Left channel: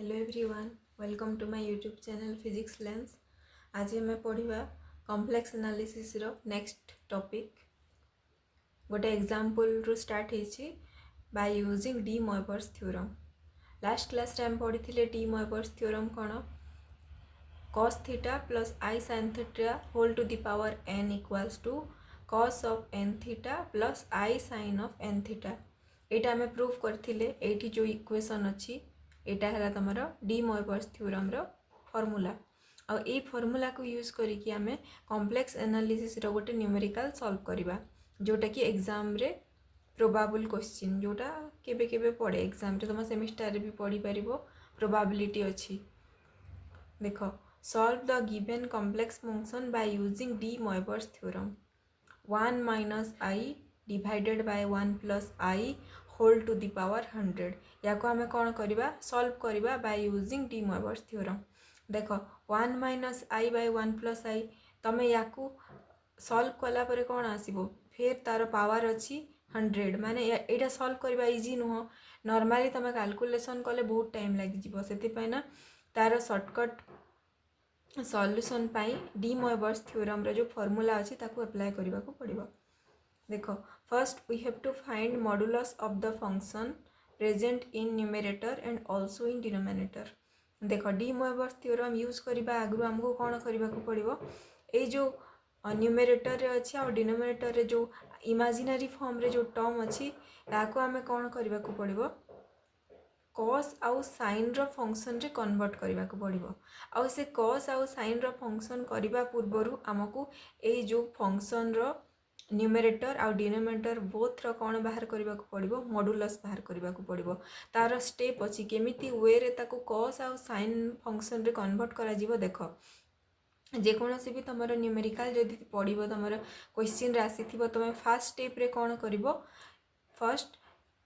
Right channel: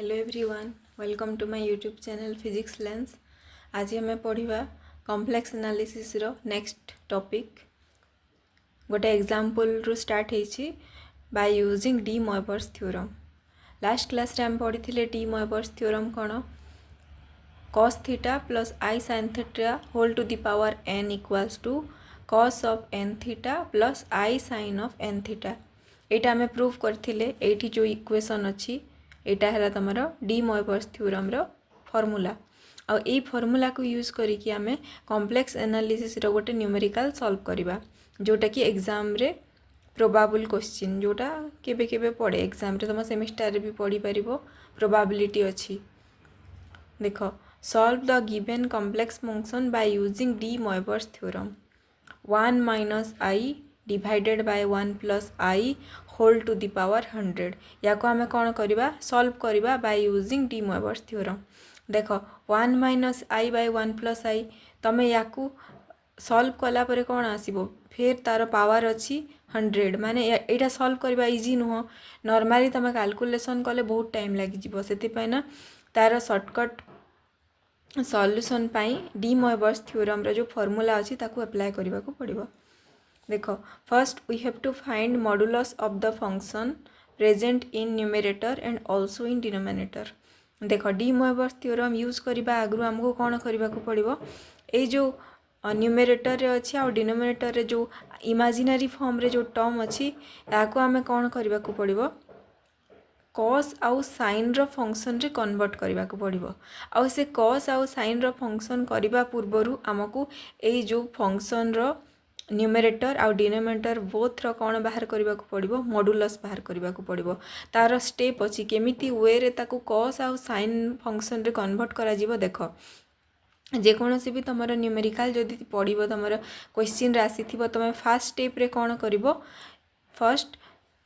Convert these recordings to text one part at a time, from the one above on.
Hello everyone, welcome to my YouTube channel physics lens. आज हमें पढ़ा कॉम्प्लेक्स एनालिसिस रो नेक्स्ट टॉपिक गोटे एग्जांपल रू स्टार्ट होइछि by using demoiver's theorem। Last class रे हम पढ़ी demoiver's theorem कौन cos theta plus i sin theta whole to the power n equals to cos of n theta plus i sin of n theta. एटा हमें prove करथिले एठी जो equation अछि एटा है तुम demoiver's theorem row formula uh a formula को use करिकी आमे कॉम्प्लेक्स एनालिसिस रो गोटे न्यूमेरिकल सॉल्व करबा जोटा कि एग्जाम रे प्रोबेबल क्वेश्चन जोटा केबे केबे पड़े एग्जाम रे तुम सेमिस्टर रे भी पढ़ी परिबो प्रोबेबिलिटी अछि। देखो solve the given complex function by using demoiver's theorem 1 minus i divided by 1 plus i whole to the power 100 या को आमे कौन करवा सॉल्व करवा बाय यूजिंग demoiver's theorem। देख 1 माइनस आई बाय 1 प्लस आई तुम या सॉल्व कला परे कौन आसीबो फिर तार पावर अच्छी 100 माने एटा सॉल्व करवा इजी नुह नॉर्मली तुम कैलकुलेशन कले बहुत टाइम लगी से ना तार शॉर्टकट सॉल्यूशन पाई demoiver's theorem रो जो फॉर्मूला अच्छी ताकू अप्लाई करबा को पड़िबो। देखो first we have to find modulus of the function present in numerator and also in denominator. देखो demoiver's theorem यूज करबा आगु हमको कौन करबा को पड़िबो ए जो न्यूमरेटर रे अछि आ डिनोमिनेटर रे जो इमेजिनरी फॉर्म रे जो टर्म अछि याको हमें कौन करबा को पड़िबो cos आउ sin रो फंक्शन रे कन्वर्ट करबा को पड़िबो आ से cos आउ sin रो फंक्शन करबा पूर्वरु हमको ए जो फंक्शन रो न्यूमरेटर आउ डिनोमिनेटर बोथ रो कौन बाहर करबा को पड़िबो मॉडुलस बाहर करबा को पड़िबो। तार स्टेप अछि केमिति वे रे ताकू cos आउ sin फंक्शन रे कन्वर्ट करा जिवो। देखो जेकोसी भी तुम न्यूमेरिकल जदि पढ़ो तुम क्वेश्चन आसी तुम फास्ट स्टेप रे कौन करिवो फर्स्ट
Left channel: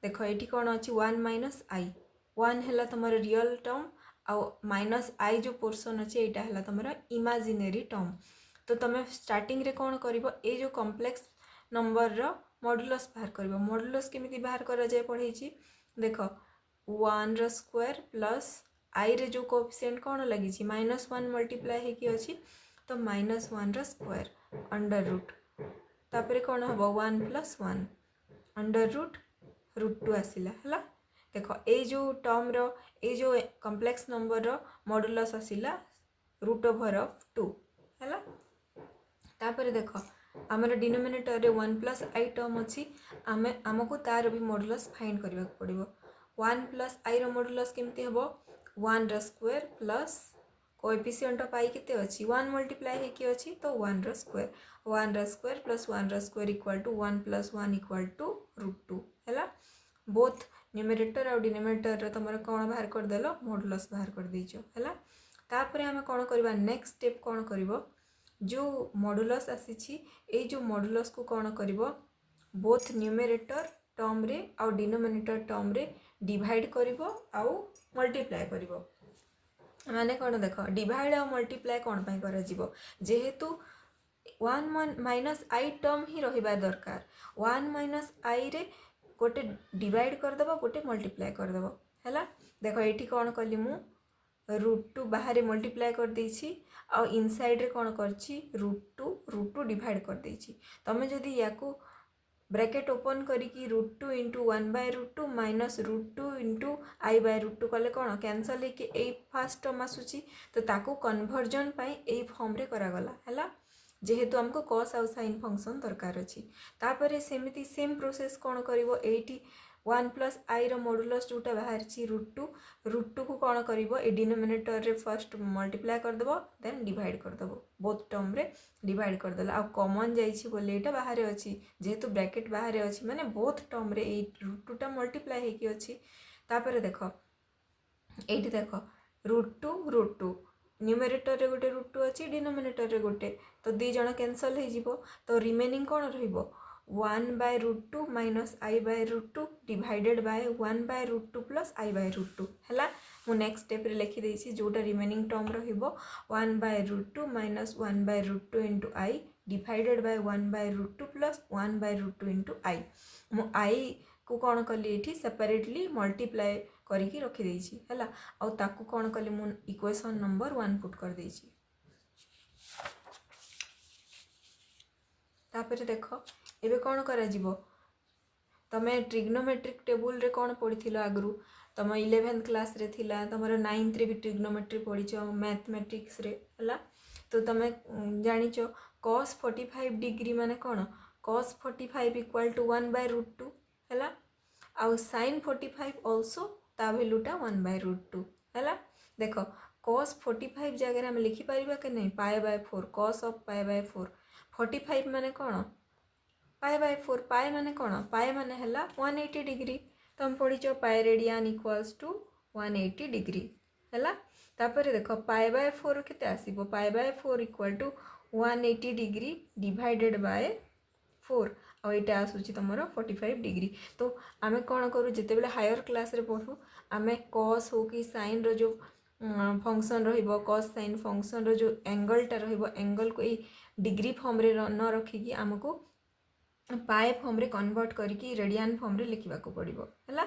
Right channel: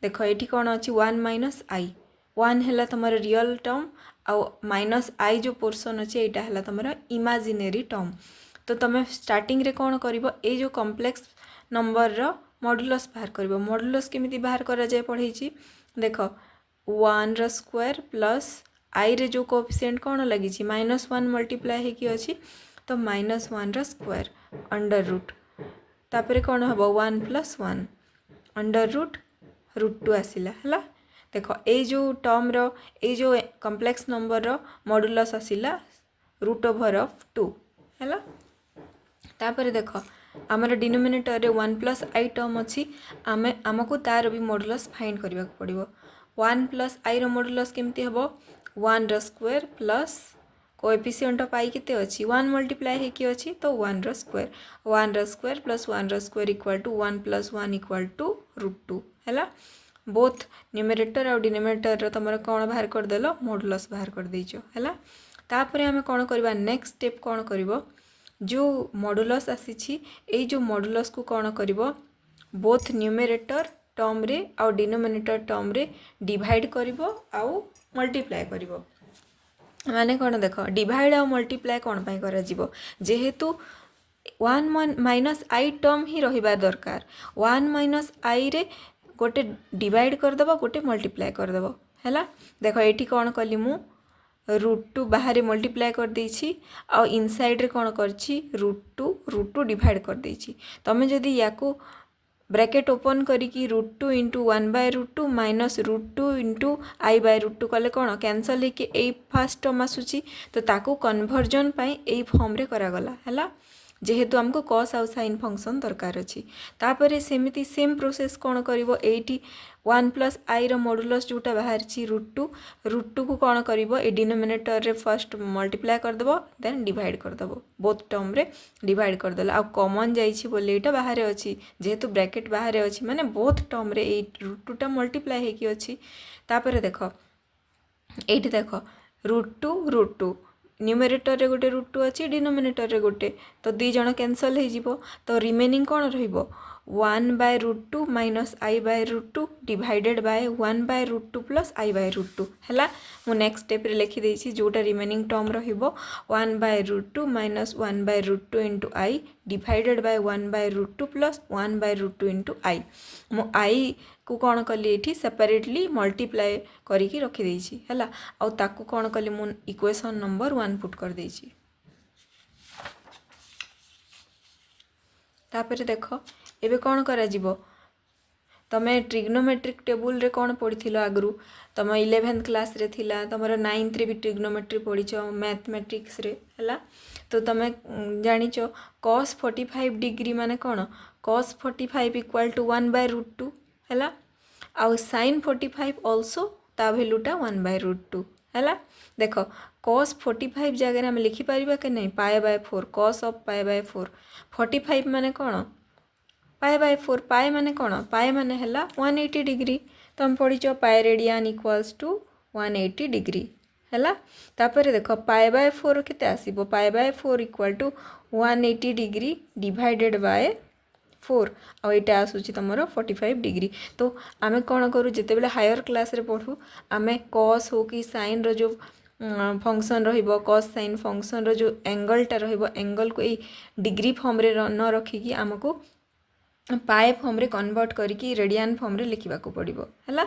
देख ये कौन अच्छी 1 माइनस आई 1 है तुम रियल टर्म आउ माइनस आई जो पोर्शन अच्छे यहाँ है तुम इमेजिनरी टर्म। तो तुम स्टार्टिंग रे कौन करिवो ए जो कॉम्प्लेक्स नंबर रो मॉडुलस बाहर करिवो। मॉडुलस केमिति बाहर करा जाय पढ़ेछि देख 1 रो स्क्वायर प्लस आई रे जो कोएफिशिएंट कौन लगी -1 मल्टीप्लाई हेकी अछि तो -1 रो स्क्वायर अंडर रूट तापर कौन हम 1 + 1 अंडर रूट √2 आसिला हला। देख ए जो टर्म रो ए जो कॉम्प्लेक्स नंबर रो मॉडुलस आसिला √2 हला। तापर देख आमर डिनोमिनेटर रे 1 + आई टर्म अच्छी आमे आमको तार भी मॉडुलस फाइंड करबा को पड़िबो। 1 + आई रो मॉडुलस केमती हबो 1 रो square plus coefficient of i केते अछि 1 मल्टीप्लाई हेकी अछि तो 1 रो स्क्वायर 1 रो स्क्वायर प्लस 1 रो square equal to 1 + 1 equal to √2 हैला। बोथ न्यूमरेटर और डिनोमिनेटर रो तमरा कोन बाहर कर देलो मॉडुलस बाहर कर देइछो हैला। तापरे हमें कोन करबा नेक्स्ट स्टेप कोन करिवो जो मॉडुलस आसी ए जो मॉडुलस को कौन करिवो बोथ न्यूमरेटर टर्म रे आउ डिनोमिनेटर टर्म रे डिवाइड करिवो आउ मल्टीप्लाई करिवो। माने कौन देख डिवाइड आउ मल्टीप्लाई कौन पाई करा जिवो जेहेतु 1 माइनस आई टर्म ही रहिबा दरकार 1 माइनस आई रे गोटे डिवाइड करदेव गोटे मल्टीप्लाई करदेव हैला। देख ये कौन कली मु √2 बाहर मल्टीप्लाई कर देछि आ इनसाइड रे कौन करछि √2 डिवाइड कर देछि। तमे जदि याकू ब्रैकेट ओपन करिकी √2 * 1/√2 माइनस √2 * i/√2 कले कौन कैंसल लेके ए फर्स्ट टर्म आसुची तो ताकू कन्वर्जन पाई ए फॉर्म रे करा गला हैला जेहेतु हमको cos आउ sin फंक्शन दरकार अछि। तापरे सेमिति सेम प्रोसेस कौन करिवो 1 + आई रो मॉडुलस जोटा बाहर छी √2 को कौन करिवो ए डिनोमिनेटर रे फर्स्ट मल्टीप्लाई कर देबो देन डिवाइड कर देबो बोथ टर्म रे डिवाइड कर देला आ कॉमन जाई छी बोले एटा बाहर अछि जेहेतु ब्रैकेट बाहर अछि माने बोथ टर्म रे ए √2 टा मल्टीप्लाई हेकी अछि। तापरे देखो एठी देखो √2 न्यूमरेटर रे गोटे √2 अछि डिनोमिनेटर रे गोटे तो दी जण कैंसल हे जिवो तो रिमेनिंग कौन रहिबो 1/√2 minus i/√2 divided by 1/√2 plus i/√2 हैला। मु नेक्स्ट स्टेप रे लिखि देछि जोटा रिमेनिंग टर्म रहिबो 1/√2 minus 1/√2 into i divided by 1/√2 plus 1/√2 into i. मु आई को कौन कली ये सेपरेटली मल्टीप्लाई करिकी रखी देछि हैला आउ ताकू कौन कली मु इक्वेशन नंबर 1 पुट कर देछि तापर देख एबे कौन करा जिवो तमे ट्रिग्नोमेट्रिक टेबुल रे कौन पढ़ी आगु तुम 11th क्लास रे थिला तुमर 9th रे भी ट्रिग्नोमेट्री पढ़ीच मैथमेटिक्स रे हैला तो तुम जानिच cos 45 डिग्री माने कौन cos 45 इक्वल टू 1/√2 हैला आउ sin 45 ऑल्सो ता वैल्यूटा 1/√2 हैला देख cos 45 जगह हम लिखि पारिबा के नहीं π/4 cos ऑफ π/4 45 माने कौन π/4 पाए माने कौन पाए माने हैला 180 डिग्री तुम पढ़ीच पाए रेडियन इक्वल्स टू 180 डिग्री हैला तापर देख π/4 केते आसीबो π/4 equal to 180 degree divided by 4 आ एटा आसुची तमरो 45 डिग्री तो आमे कौन करू जेते बेले हायर क्लास रे पढ़ू आमे cos हो कि sin रो जो फंक्शन रहिबो cos sin फंक्शन रो जो एंगल टा रहिबो एंगल को ए डिग्री फॉर्म रे न रखिकी हमको पाए फॉर्म रे कन्वर्ट करिकी रेडियन फॉर्म रे लिखिबा को पड़िबो हैला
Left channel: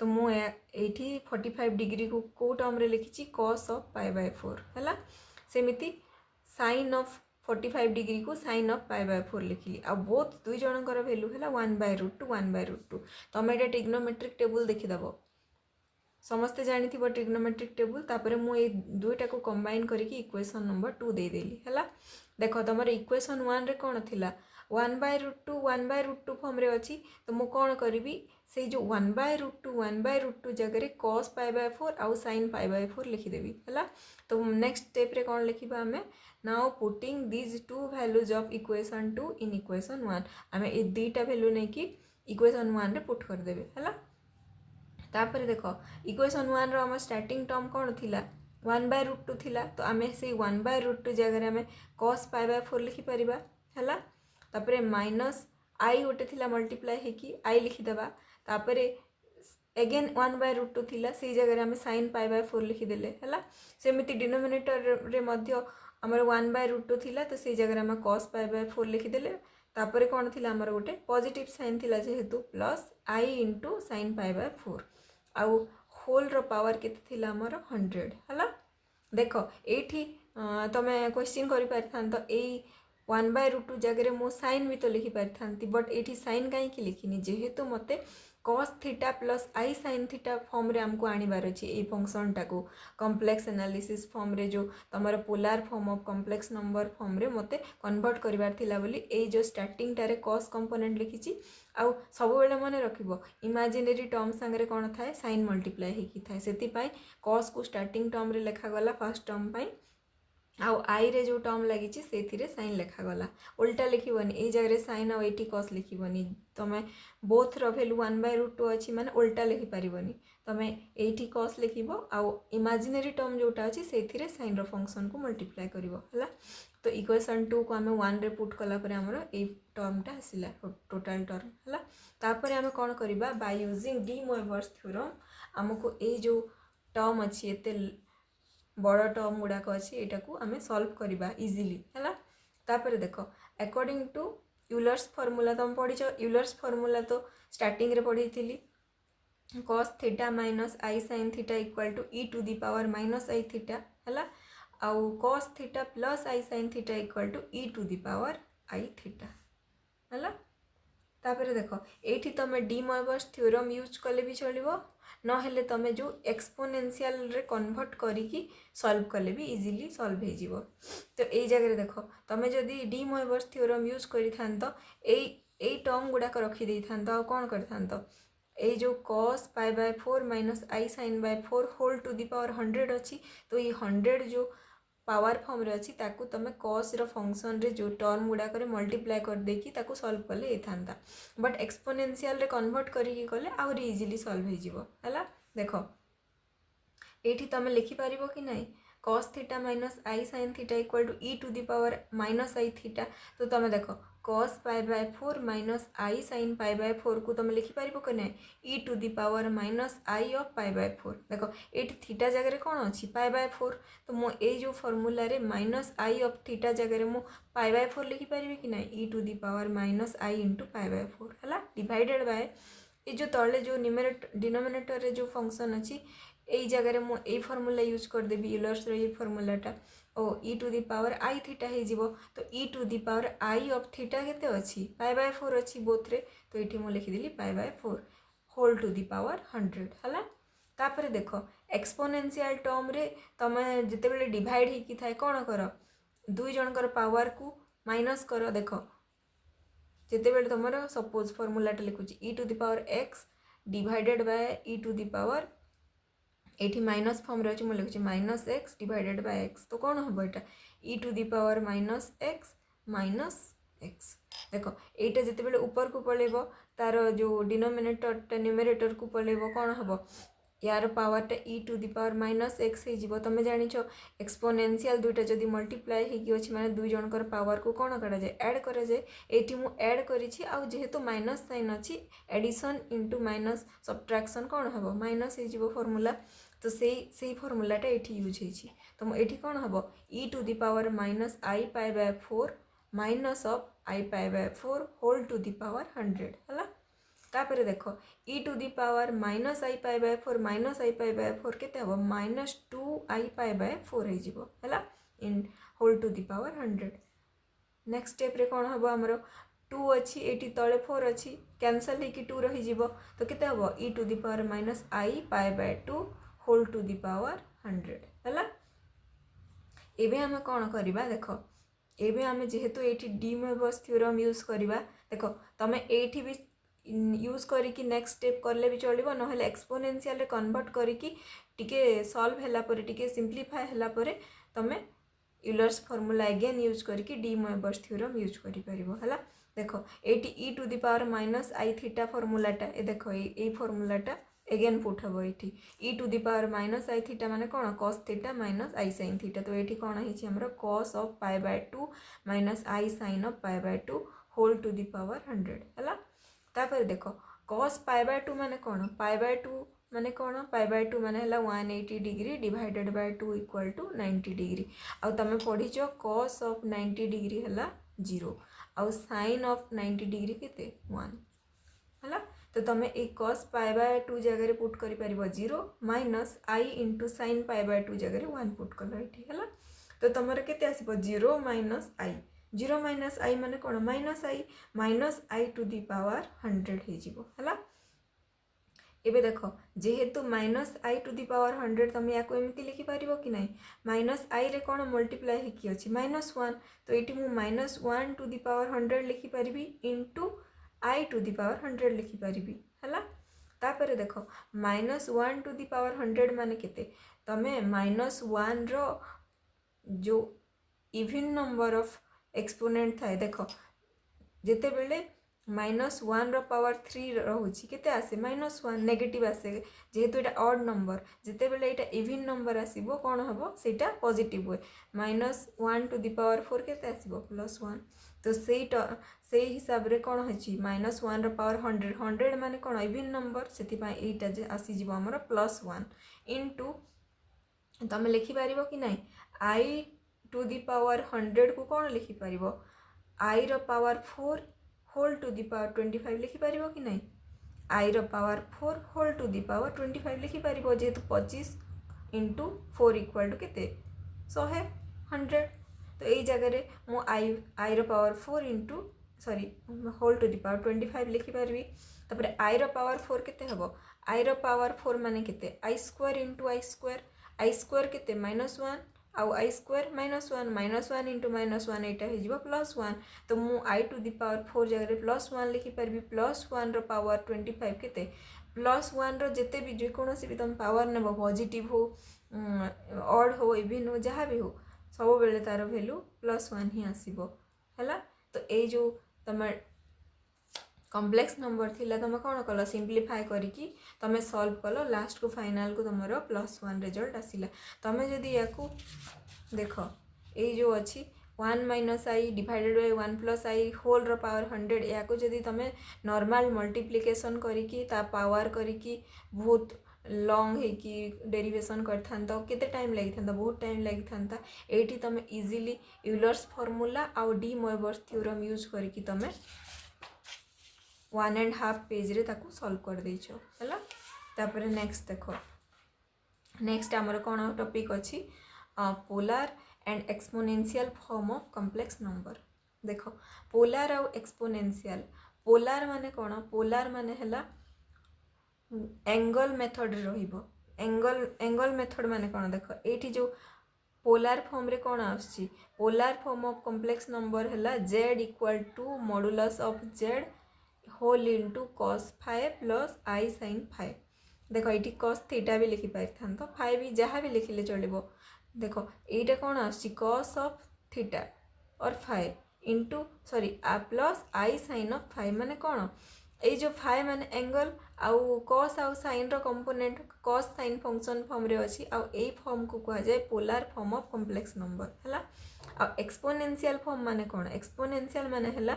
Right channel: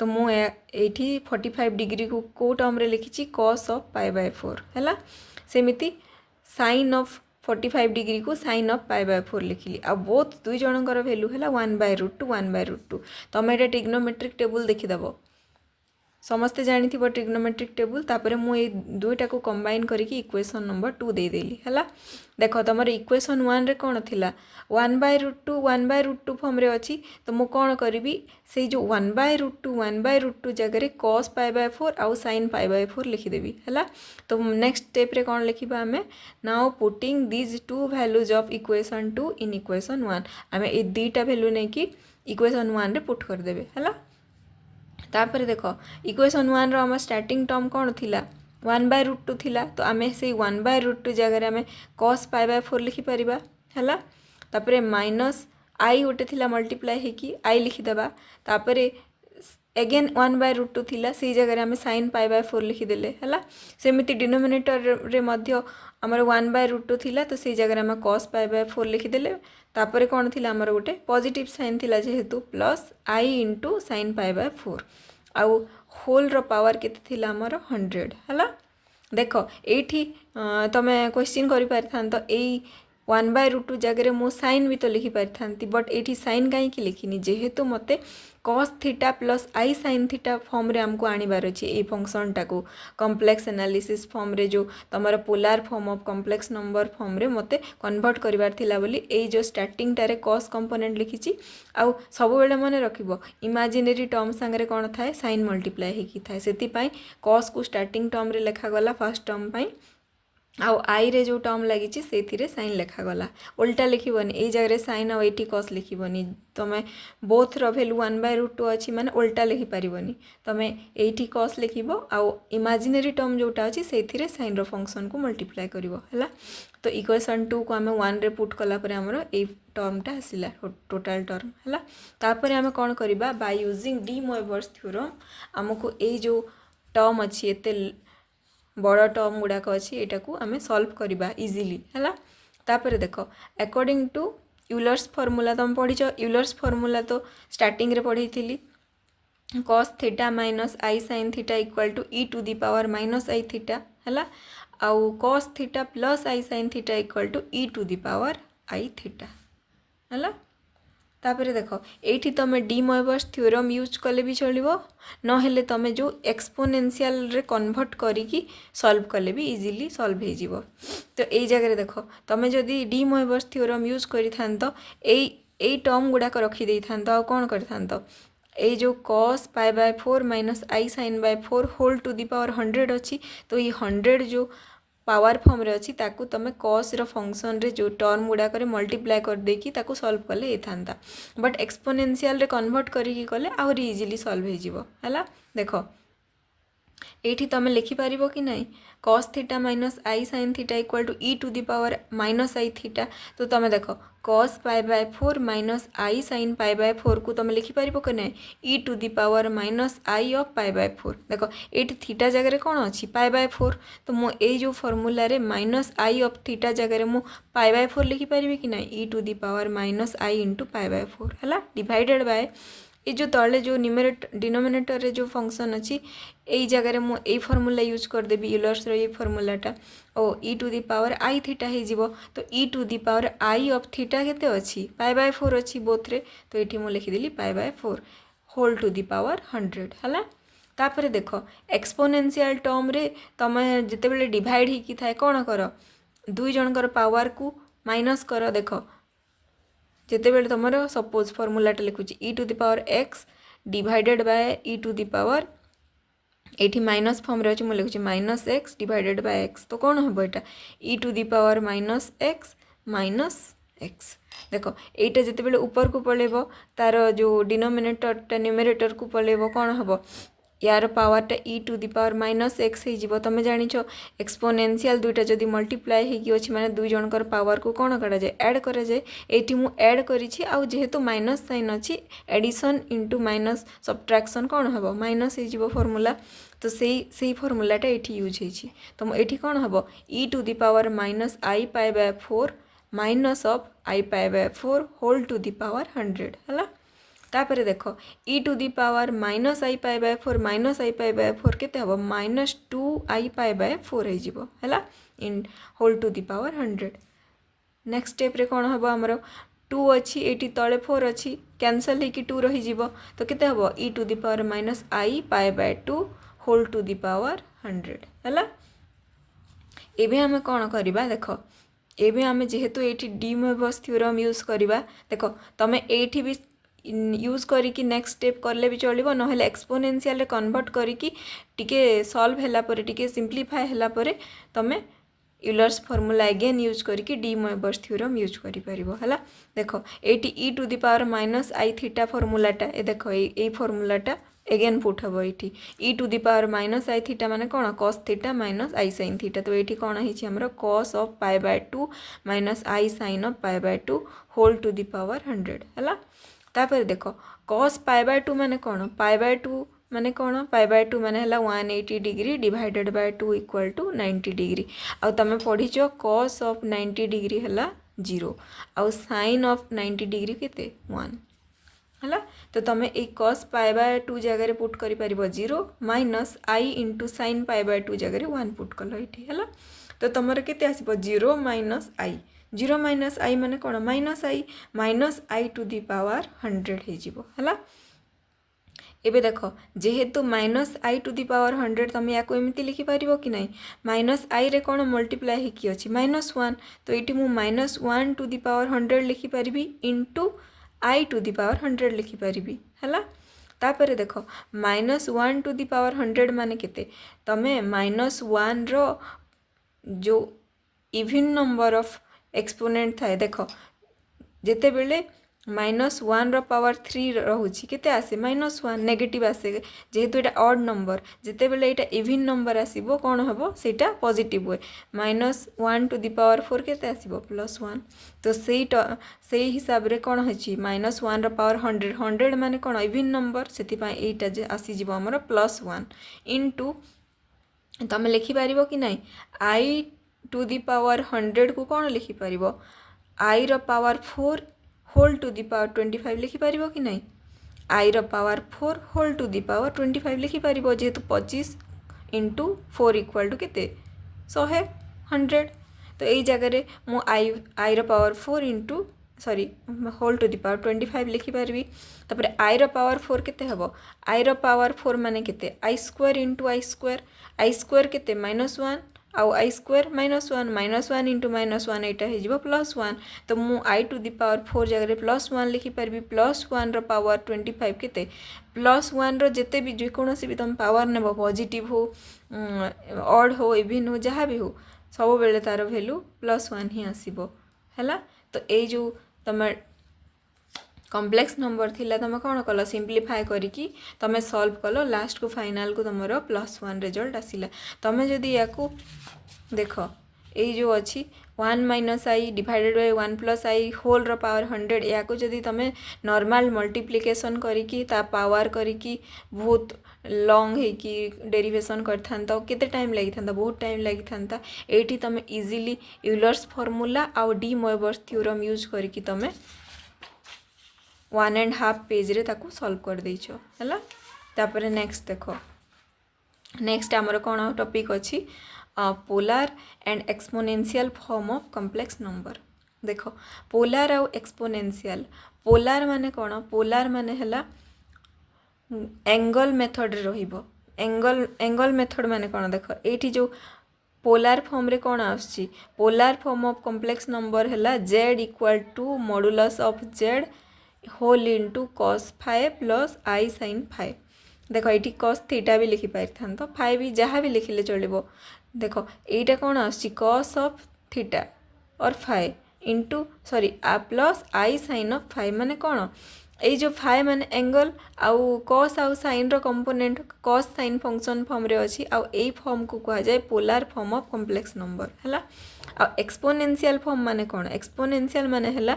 तो मु एठी 45 डिग्री को टर्म रे लिखिची cos ऑफ π/4 हैला सेमिति sin ऑफ 45 डिग्री को sin ऑफ π/4 लिखिली आ बोथ दुई जनकर वैल्यू हैला 1/√2 1/√2 तमे एटा ट्रिग्नोमेट्रिक टेबल देखि दबो समस्ते जानी थी ट्रिग्नोमेट्रिक टेबल तापर मु ए दुईटा को कंबाइन करिकी इक्वेशन नंबर 2 दे देली हैला देखो तमर इक्वेशन 1 रे कोन थिला 1/√2 फॉर्म रे अछि तो मु कोन करिवि से जो 1/√2 जगह रे cos π/4 आउ sin π/4 लिखि देबी हैला तो नेक्स्ट स्टेप रे कोन लिखिबा हमें now putting these two values of equation 2 in equation 1 हमें ए दुईटा वैल्यू नै कि इक्वेशन 1 रे पुट कर देबे हैला तापर देख इक्वेशन 1 रो हम स्टार्टिंग टर्म कौन थिला 1/√2 थिला तो आमे से 1/√2 जगह आमे cos π/4 लिखि परिबा हैला तापर माइनस आई गोटे थिला मल्टीप्लाई हेकी आई लिखि देबा तापर अगेन 1/√2 थिला से जगह आमे sin π/4 लिखि देले हैला सेमिति डिनोमिनेटर रे मध्य हमर 1/√2 थिला तो से जगह आमे cos π/4 लिखि देले तापर कौन थिला हमर गोटे पॉजिटिव साइन थिला जेहेतु प्लस आई इंटू sin π/4 आउ होल रो पावर केते थिला हमर 100 हैला देख एठी तमे क्वेश्चन करि पारथान तो एई 1/√2 जगह मु साइन भी तो लिखि पारथांती बट एठी साइन काई कि लिखिनी जेहेतु मते cos theta plus i sin theta form रे हमको आनिबार अछि ए फंक्शन टाको कॉम्प्लेक्स एनालिसिस फॉर्म रे जो तमर polar form of complex number form रे मते कन्वर्ट करिवार थिला बोली ए जो स्टार्टिंग टारे cos कंपोनेंट लिखिची आउ सब बेले माने रखिबो इमेजिनरी टर्म संगे कोन थाए sin मल्टीप्लाई हेकी थाए सेति पई cos को स्टार्टिंग टर्म रे लेखा गला फर्स्ट टर्म पई आउ आई रे जो टर्म लगी से साइन लेखा गला उल्टा लिखिबनी ए जगह साइन आउ एटी cos लिखिबनी तमे बोथ रो वैल्यू 1/√2 अछि माने उल्टा लिखि परिबनी तमे एटी cos लिखिबो आउ इमेजिनरी टर्म जोटा अछि सेथिरे साइन रो फंक्शन को मल्टीप्लाई करिवो हला तो इक्वेशन 2 को हमें 1 रे पुट कला परे हमरो ए टर्मटा आसिला टोटल टर्म हला तापर हमें कोन करिबा बाय यूजिंग demoiver's थ्योरम हमको ए जो टर्म अछि एते बड़ टर्म गुड़ाक अच्छी यहाँ को आम सॉल्व करवा इजिली है तापर देख अकॉर्डिंग टू यूलर्स फॉर्मूला तुम पढ़ीच यूलर्स फॉर्मूला तो स्टार्टिंग रे पढ़ी थी cos theta minus i sin theta equal to e to the power minus i theta है आउ cos theta plus i sin theta equal to e to the power i theta है तापर देख ये तुम demoiver's थ्योरम यूज कले भी चलो नहेले तुम जो एक्सपोनेंशियल रे कन्वर्ट करिकी सॉल्व कले भी इजीली सॉल्व हो जीवो तो ये जगह देख तुम जदि demoiver's थ्योरम यूज करि थांतो ए टर्म गुडाक रखी दे थांतो आ कोन करि थांतो ए जो cos π/4 minus i sin/4 whole to the power 100 अच्छी तो ये 100 जो पावर फॉर्म रे अछि ताकू तमे cos रो फंक्शन रे जो टर्म गुडा करे मल्टीप्लाई कर देकी ताकू सॉल्व कले एथांता बट एक्सपोनेंशियल रे कन्वर्ट करिकी कले आउरी इजीली सॉल्व हो जिवो हला देखो एठी तमे लिखि पारिबो कि नाही cos theta minus i sin theta equal to e to the power minus i theta तो तमे देखो cos π/4 माइनस आई sin π/4 को तमे लिखि पारिबो कि नाही e to the power minus i of π/4 देखो एठी थीटा जगह रे कोन अछि π/4 तो मो ए जो फार्मूला रे माइनस आई ऑफ थीटा जगह रे मो π/4 लिखि पारिबे कि नाही e to the power minus i into π/4 हला डिवाइडेड बाय ये जो तले जो डिनोमिनेटर रे जो फंक्शन अच्छी यही जगह मु ए फॉर्मूला यूज करदेवी यूलर्स ये फॉर्मूलाटा ओ e to the power i theta हो तो e to the power i of theta केते अच्छी π/4 अच्छी बोथ रे तो ये मुझे लिखिदेली π/4 होल टू दी पावर 100 है। तापर देख एक्सपोनेंशियल टर्म रे तुम जिते डिवाइड होकी थाए कौन कर दुई जनकर पावर को माइनस कर देख जिते तुम सपोज फॉर्मूलाटा लिखुची e to the power x divided by e to the power ये माइनस फॉर्म रे मुझे लिखुची minus x divided by x तो कौन हम यहाँ e to the power minus x देख यहाँ जिते ऊपर को पलैब तार जो डिनोमिनेटर न्यूमरेटर को पलैब कौन हम यार पावरटा e to the power minus x हो तुम जान एक्सपोनेंशियल दुईटा जदि मल्टीप्लाई होगी माने दुई जनकर पावर को कौन करा जाए ऐड करा जाए ये मु ऐड करिछि आउ जेहेतु माइनस साइन अच्छी एडिशन इंटू माइनस सब्ट्रैक्शन कौन हम माइनस हो फॉर्मूला तो से फॉर्मूलाटा ये यूज होती तो ये कौन हम e to the power minus i π/4 minus of i π/4 whole to the power 100 है। तापर देख e to the power minus i π/4 केते हम माइनस 2 आई π/4 है in whole to the power 100। Next step रे कौन हम आमर 2 अच्छी ये तले 4 अच्छी कैंसल होगी 2 रही तो केते हम e to the power minus i π/2 whole to the power 100 है। एबे आम कौन करवा देख एबे आम जेहेतु ये डिमोइवर्स थ्योरम यूज करवा देख तुम ये भी यूज करिकी नेक्स्ट स्टेप करले भी चलो ना एक्सपोनेंशियल कन्वर्ट करिकी टिके सॉल्व हैला परे टिके सिंप्लीफाई हैला परे तमे यूलर्स फॉर्मूला अगेन यूज करिकी डिमोइवर्स थ्योरम यूज करि परिबो हला। देख एटी e to the power minus i theta फॉर्मूलाटा ए देख ए फॉर्मूलाटा अगेन पुट हम ये e to the power minus i theta माने कौन cos theta minus i sine theta तो ये कौन है हमर cos of π/2 minus i sine of π/2 whole to the power 100 है। तापर देख cos π/2 माने कौन π/2 माने कौन π/2 माने हला 180 degree divided by 2 equal to 90 degree आउ तमे पढ़ीच cos ऑफ 90 डिग्री हला 0 आउ sin ऑफ 90 डिग्री केते 1 हला तो तुम ये cos π/2 जगह पुट कर पारिबो 0 माइनस आई इंटू sin π/2 जगह 1 पुट कल ये है तो तुम केते आसीबो 0 माइनस आई 0 माइनस आई माने कौन minus i to the power 100 हो है। एबे देख जेहेतु minus i to the power 100 तुम या एमती लिखिपार कि नहीं माइनस आई रे कौन मल्टीप्लाई होकी अच्छी -1 तो ये मुझे -1 टू दी पावर 100 लिखिपारि into i to the power 100 लिखिपारि है। तापर देख -1 टू दी पावर 100 माने केते तमे -1 रो जो इवन नंबर ऑफ एक्सपोनेंट थाए देख जिते बेले -1 रो पावर 3 रोचे केते आसे -1 नेगेटिव आसे जेहेतु ये ऑड नंबर जिते बेले ये इवन नंबर आसीबो कौन हम सेटा पॉजिटिव हुए -1 टू दी पावर 4 केते आसीबो +1 तो से हिसाब रे कौन होची -1 रो पावर 100 माने कौन इवन नंबर से ये आसीजिबो हमर +1 इंटू तुम लिखिपार कि नहीं आई टू दी पावर 100 को कौन लिखिपार आई रो power 4 whole to the power 25 लिखिपार कि नहीं आई रो power 4 whole to the power 25 लिखिपार जेहेतु 25 इंटू 4 इक्वल टू केते 100 तो यही जगह मु आई रो power 4 into sorry whole to the power 25 लिखिपार तापर आई रो पावर 4 केते हबो आई रो पावर 4 माने केते आई स्क्वायर इंटू आई स्क्वायर केते -1 आउ आई स्क्वायर -1 इंटू -1 यहाँ +1 तो मु आई टू दी पावर 4 जगह +1 लिखिपारि +1 रो पावर 25 केते +1 रो जेते भी जेकोसी भी तुम पावर नेब पॉजिटिव हो ऑड हो इवन हो जहाँ भी हो सब बेले तार वैल्यू +1 ही आसीबो हैला। तो ये जो तुम कॉम्प्लेक्स नंबर थिला तुम कौन कल सिंप्लीफाई करिकी तुम सॉल्व कल लास्ट को फाइनल को तुम +1 रिजल्ट आसिला तुम जदि या देख ये जो अच्छी 1 minus i divided by 1 plus i whole रो पावर 100 या जदि तुम नॉर्मल मल्टीप्लिकेशन करिकी ता पावर करिकी बहुत लॉन्ग है कि डेरिवेशन करता केते टाइम लगी था बहुत टाइम लगी था ये तुम इजीली यूलर्स फॉर्मूला आउ डिमोइवर्स थ्योरम यूज करिकी तुम 1.5 पेज रे ताकू सॉल्व कर देइछो हला। तापर नेक्स्ट देखो, नेक्स्ट आमर कौन टॉपिक अच्छी polar and exponential form of complex number. देखो पोलार आउ एक्सपोनेंशियल, पोलार माने कौन, पोलार माने हला एंगल मेथड रे रहिबो। एंगल मेथड माने कौन, देखो एठी जो पोलार फॉर्म रे कौन आछि, polar form of complex number हला z equal to modulus of z whole into cos phi plus i sin phi. देखो ये cos थीटा भी लिखि पारि तो फाइ भी जहाँ भी लिखिले चलिबो। देखो एटा कौन आछि cos ऑफ थीटा और फाइ इनटू सॉरी आ plus i sin of phi माने कौन, ये जो फाइ माने एंगल आउ cos आउ sin रो component cos sin function form रे अछि आउ ए फॉर्म को कहा जाए polar form of complex number हला। आ एक्सपोनेंशियल फॉर्म माने कौन, एक्सपोनेंशियल माने हला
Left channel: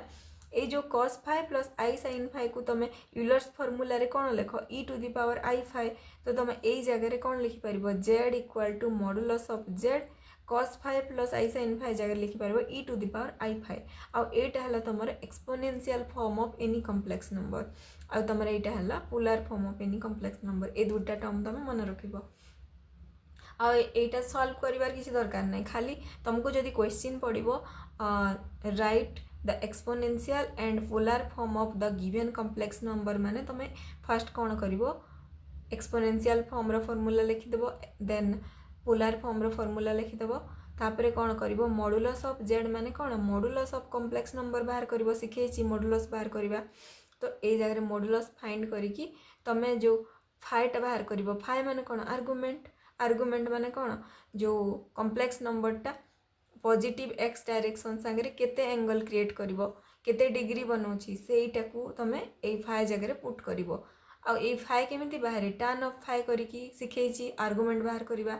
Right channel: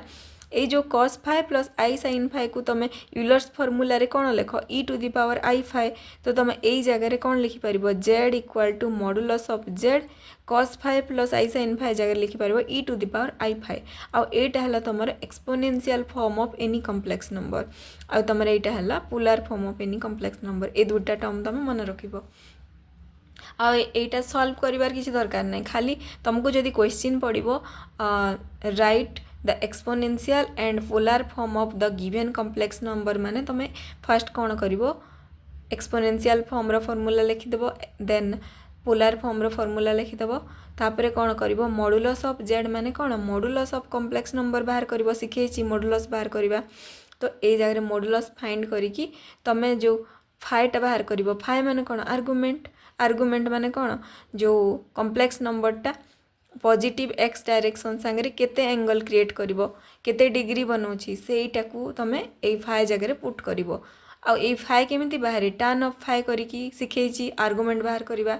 ये जो cos phi plus i sin phi को तुम यूलर्स फॉर्मूला रे कौन लेख e to the power i phi, तो तुम यही जगह कौन लिखि पारिबो z equal to modulus of z cos phi plus i sin phi जगह लिखि पारिबो e to the power i phi. आउ एटा हला तुमर exponential form of any complex number, आउ तुमर एटा हला polar form of any complex number. ए दुटा टर्म तुम मन रखिबो। आ एटा सॉल्व करिवार किसी दरकार नहीं, खाली तुमको जदि क्वेश्चन पड़िबो write the exponential and polar form of the given complex number माने तुम फर्स्ट कौन करिवो एक्सपोनेंशियल फॉर्म रो फॉर्मूला लिखिदेव, देन पोलार फॉर्म रो फॉर्मूला लिखिदेव, तापरे कौन करिवो मॉडुलस ऑफ z माने कौन मॉडुलस ऑफ कॉम्प्लेक्स नंबर बाहर करिवो, सिखेछि मॉडुलस बाहर करिवा। तो ए जगह मॉडुलस फाइंड करिकी तमे जो फाइटा बाहर करिवो, फाइ माने कौन आर्गुमेंट, आर्गुमेंट माने कौन जो कॉम्प्लेक्स नंबरटा पॉजिटिव x डायरेक्शन सांगे केते एंगल क्रिएट करिवो, केते डिग्री बनौछि सेटा को तमे ए फाइ जगह पुट करिवो। आ ए फाइ केमिति बाहर tan ऑफ फाइ करिकी सिखेछि आर्गुमेंट बाहर करिवा,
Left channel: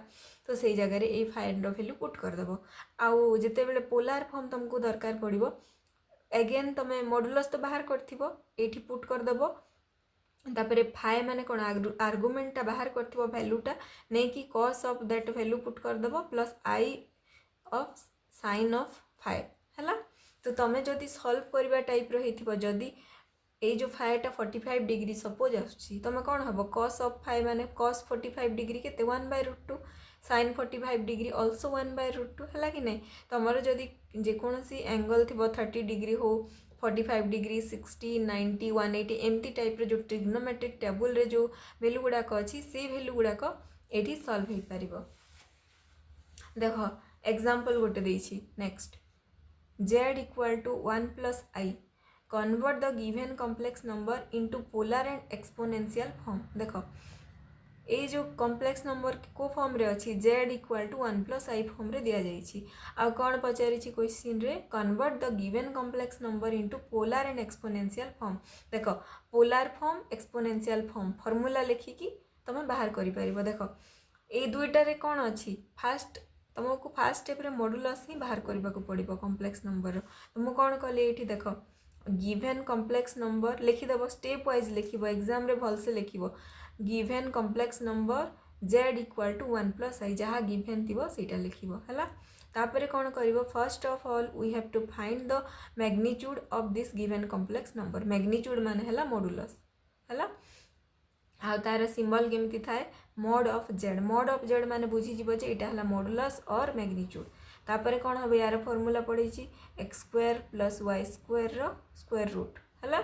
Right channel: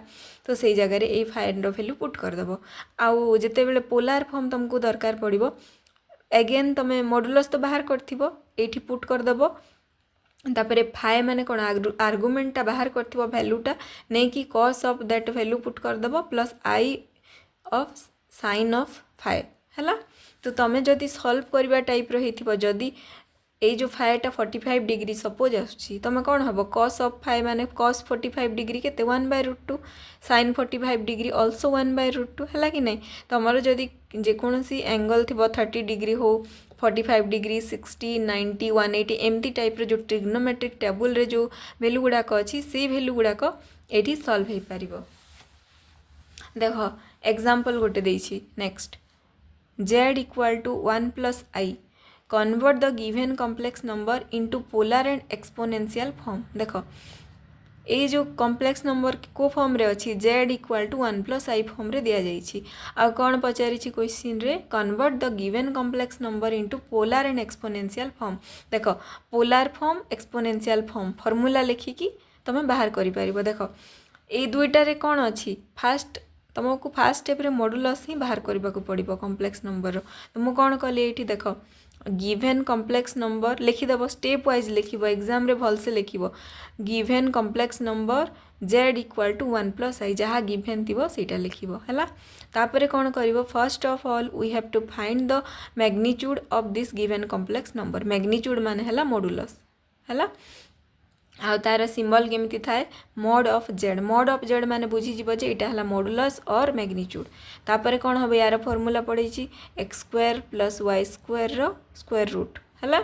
तो सेई जगह रे ए फाइ रो वैल्यू पुट कर देबो। आउ जेते बेले पोलार फॉर्म तुमको दरकार पड़िबो अगेन तमे मॉडुलस तो बाहर करथिबो एठी पुट कर देबो, तापरे फाइ माने कौन आर्गुमेंटा बाहर करथिबो वैल्यूटा नै कि cos of that value put कर देबो plus i of sin of phi हला। तो तमे जदि सॉल्व करबा टाइप रो हेथिबो, जदि ए जो फाइटा 45 डिग्री सपोज आछि तमे कौन हबो cos ऑफ फाइ माने cos 45 डिग्री केते 1/√2 sin 45 डिग्री ऑल्सो 1/√2 हला कि नहीं। तमरो जदि जे कोनसी एंगल थिबो 30 डिग्री हो 45 डिग्री 60 90 180 एमती टाइप रो जो ट्रिग्नोमेट्रिक टेबल रे जो वैल्यू गुडाक अछि से वैल्यू गुडाक एठी सॉल्व हे पारिबो। देखो एग्जांपल गोटे देछि next z equal to 1 plus i convert the given complex number into polar and exponential form. देखो ये जो कॉम्प्लेक्स नंबर को फॉर्म रे अछि z equal to 1 plus i form रे दिया जाइछि। आ कोन पचारि छि क्वेश्चन रे convert the given complex number into polar and exponential form. देखो polar form exponential form formula लिखिकी तमे बाहर करि पारिबो। देखो ए दुईटा रे कोन अछि फास्ट तुमको फास्ट स्टेप रे मॉडुलस ही बाहर करबा को पड़िबो कॉम्प्लेक्स नंबर। तो मु कोन कले एठी देखो गिवन कॉम्प्लेक्स नंबर लिखिदेव स्टेप वाइज लिखिबो एग्जाम रे भल से लिखिबो given complex number z equal to 1 plus i जहाँ गिवन थिबो सेटा लिखिबो हला। तापरे कौन करिवो first of all we have to find the magnitude of this given complex number. Magnitude माने हला मॉडुलस हला। आ तार सिंबल केमिति थाए मॉड ऑफ z माने बुझी जिवो जे एटा हला मॉडुलस और मैग्नीट्यूड। तापरे कोन हबे यार फार्मूला पड़ै छि x square plus y square रो स्क्वायर रूट हला।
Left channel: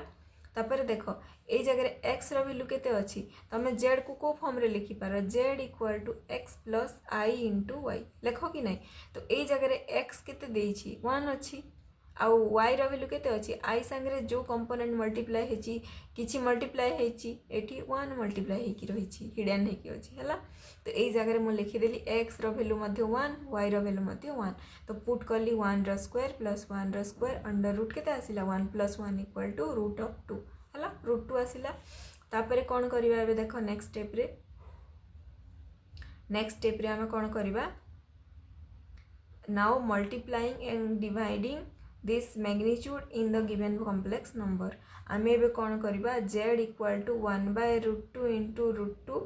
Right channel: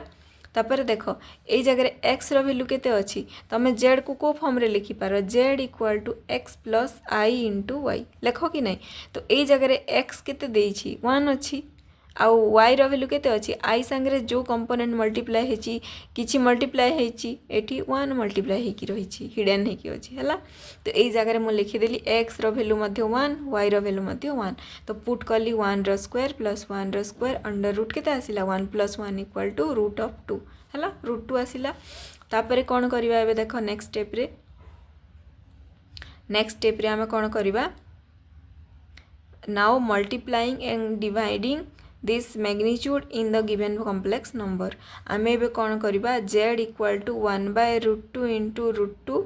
तापरे देखो ए जगह रे x रो वैल्यू केते अछि तमे z को फॉर्म रे लिखि पारो z equal to x plus i into y लेखो कि नहीं। तो ए जगह रे x केते देइ छि 1 अछि आउ y रो वैल्यू केते अछि i संगे जो कंपोनेंट मल्टीप्लाई हेछि किछि मल्टीप्लाई हेछि एठी 1 मल्टीप्लाई हेकि रहि छि हिडन हेकि अछि हला। तो ए जगह रे मु लिखि देली x रो वैल्यू मध्ये 1 y रो वैल्यू मध्ये 1 तो पुट करली 1 रो स्क्वायर प्लस 1 रो स्क्वायर अंडर रूट केते आसिला 1 प्लस 1 इक्वल टू रूट ऑफ 2 हला रूट 2 आसिला। तापरे कोन करिवा एबे देखो नेक्स्ट स्टेप रे हम कोन करिवा now multiplying and dividing this magnitude in the given complex number। आमे बे कौन करिबा z equal to 1/√2 into √2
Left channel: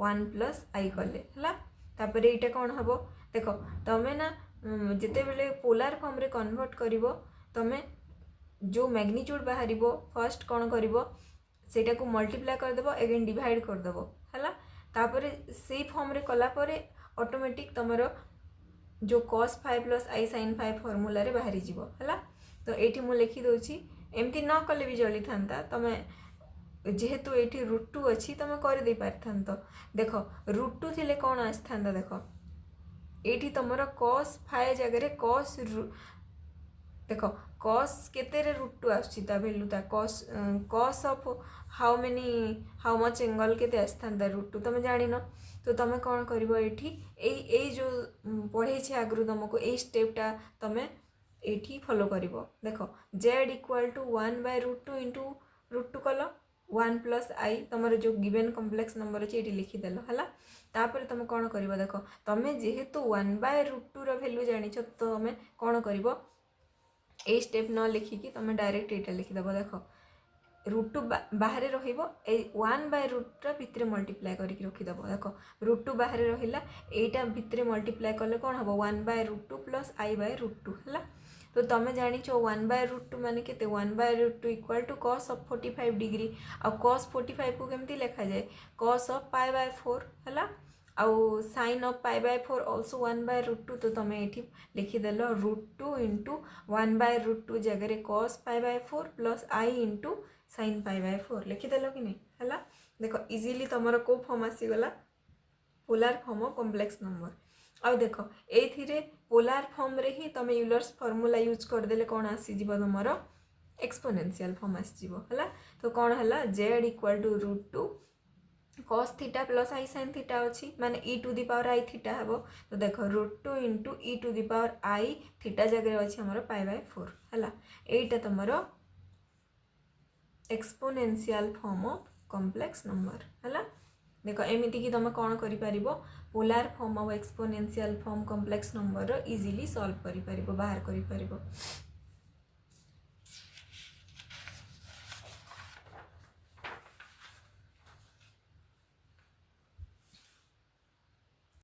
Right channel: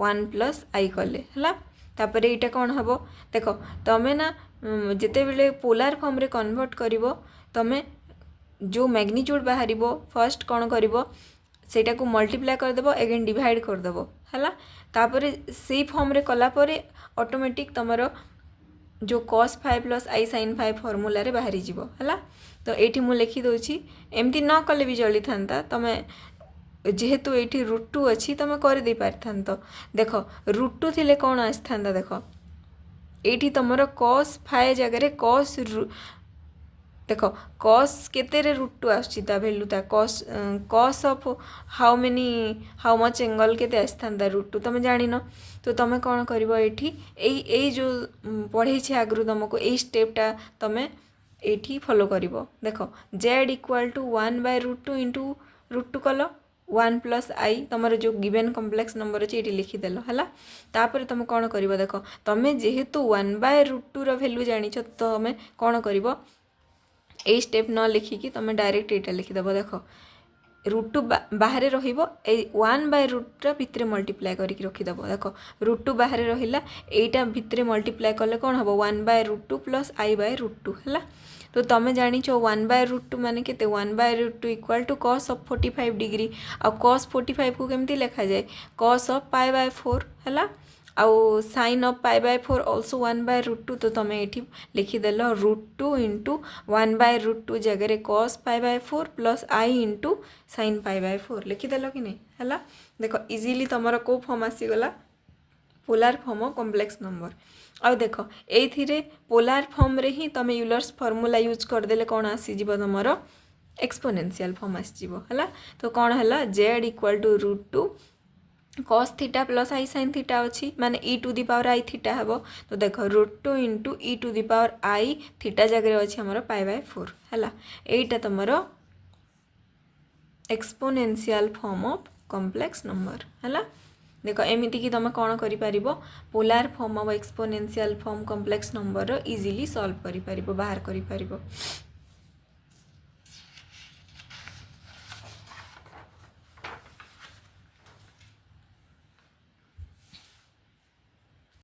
1 plus i कले हला। तापरे एटा कौन हबो देखो तमे ना जेते बेले पोलार फॉर्म रे कन्वर्ट करिवो तमे जो मैग्नीट्यूड बाहर फर्स्ट कौन कर सेटा को मल्टीप्लाई करदेव एगेन डिवाइड करदेव है तापर से फॉर्म रे कलापर ऑटोमेटिक तुमर जो cos 5 plus i sin 5 formula रे बाहरी जीवो है। तो ये मुझे लिखी दूची एमती न कले भी चली था तुम्हें जेहेतु ये √2 अच्छी तुम कर दे पारि था। देख √2 थिले कौन आसी था देख ये तुम cos 5 जगह cos देख cos केते रे √2 आछी ता वैल्यू ता cos of how many how much angle केते आसी था √2 तुम जानिन। तो तुम कौन कर ये जो पढ़े आगु तुमको यही स्टेपटा तुम ये फॉलो कर देख z इक्वल टू 1/√2 इंटू √2 कल 1 प्लस आई तुम जो गिवेन कम्प्लेक्स नंबर अच्छे ये लिखिदेल है। तापर तुम कौन कर देख तुम जेहेतु 1/√2 रो जान तुम कौन कर ये स्टेप न लिखिकी तुम डायरेक्ट यहाँ लिखिदेव देख √2 बाहर रो1/√2 भितर मल्टीप्लाई करके रखिदेव देख √2 बाहर रहा यहीटा भितर मल्टीप्लाई कले कौन हम 1/√2 प्लस i/√2 है। तो तुम जान 1/√2 मान के 1/√2 equal to cos of 45 degree आ cos 45 को केमती लिखा जाए cos ऑफ π/4 है आउ sin ऑफ π/4 ऑल्सो 1/√2। तो तुम ये लिखिदेल √2 इंटू 1/√2 जगह cos π/4 plus i into sin π/4 लिखिदेल कि नहीं है। देख इजिली तुम को फॉर्म आसीगला polar form of complex number. आ देख ये पोलार फॉर्म रे ही तुम यूलर्स फॉर्मूला यूज करदेले कौन आसीज तुम एक्सपोनेंशियल फॉर्म आसीज है। तो कौन है z equal to √2 cos theta plus i sin theta अच्छी माने e⁻i थीटा हे। तो देख √2 इंटू e⁻i थीटा जगह अच्छी आमर π/4 है। यहीटा तुम exponential form of complex number है। देख एमती कि तुम कौन कर polar form of exponential form complex number easily solve कर बाहर कर।